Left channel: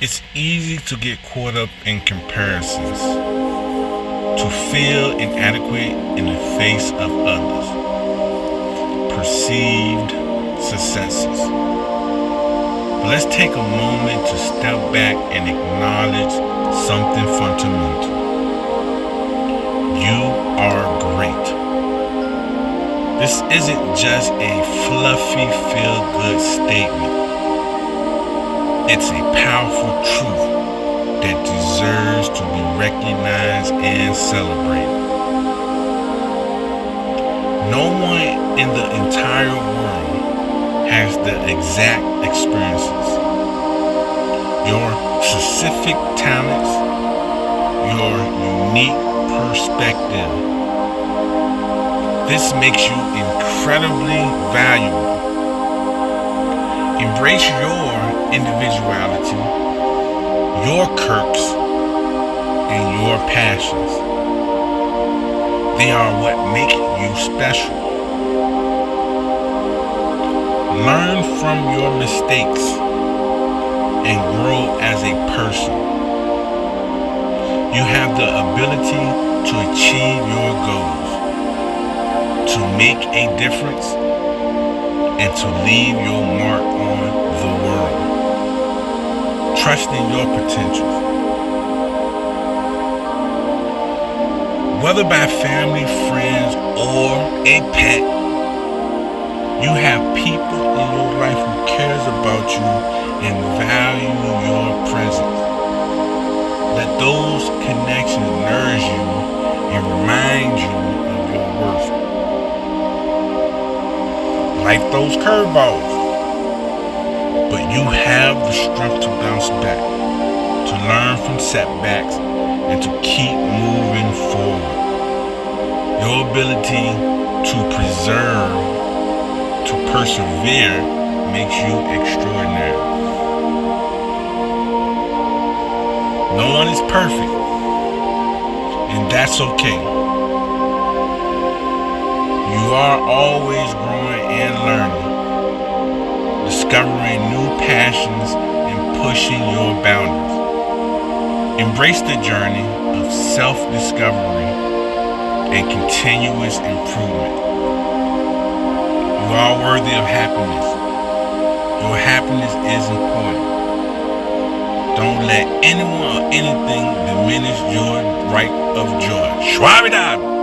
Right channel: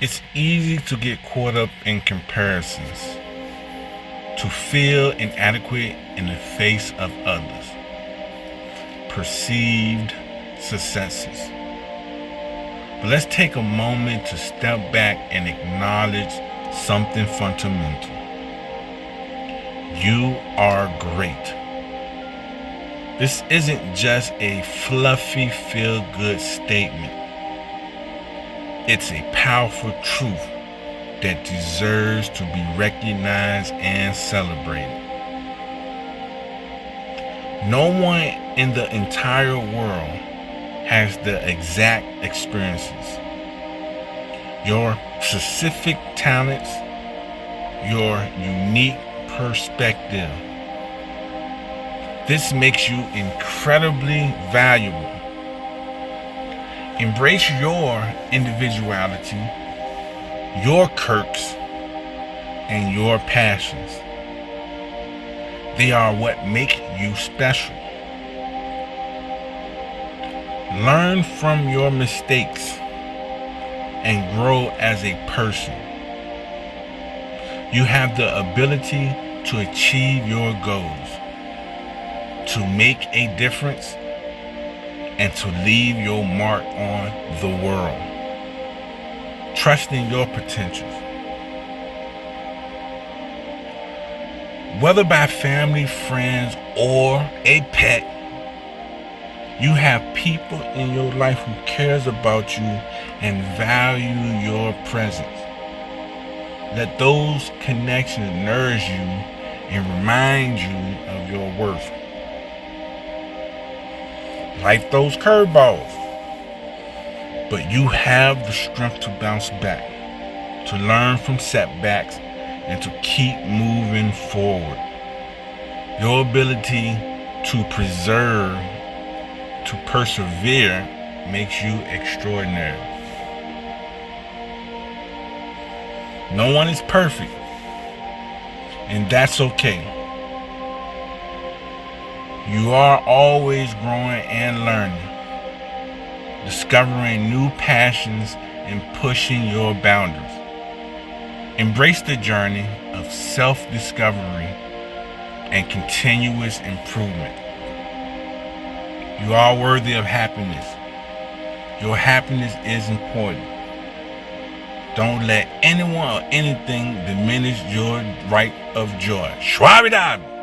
It's easy to get caught up in comparisons, to feel inadequate in the face of others' perceived successes. But let's take a moment to step back and acknowledge something fundamental. You are great. This isn't just a fluffy feel-good statement. It's a powerful truth that deserves to be recognized and celebrated. No one in the entire world has the exact experiences, your specific talents, your unique perspective. This makes you incredibly valuable. Embrace your individuality, your quirks, and your passions. They are what make you special. Learn from your mistakes and grow as a person. You have the ability to achieve your goals, to make a difference, and to leave your mark on the world. Trust in your potentials. Whether by family, friends, or a pet, you have people in your life who cares about you and value your presence. Let those connections nourish you and remind you of your worth. Life throws curveballs, but you have the strength to bounce back, to learn from setbacks, and to keep moving forward. Your ability to persevere makes you extraordinary. No one is perfect, and that's okay. You are always growing and learning, discovering new passions and pushing your boundaries. Embrace the journey of self-discovery and continuous improvement. You are worthy of happiness. Your happiness is important. Don't let anyone or anything diminish your right of joy. Schwabidab!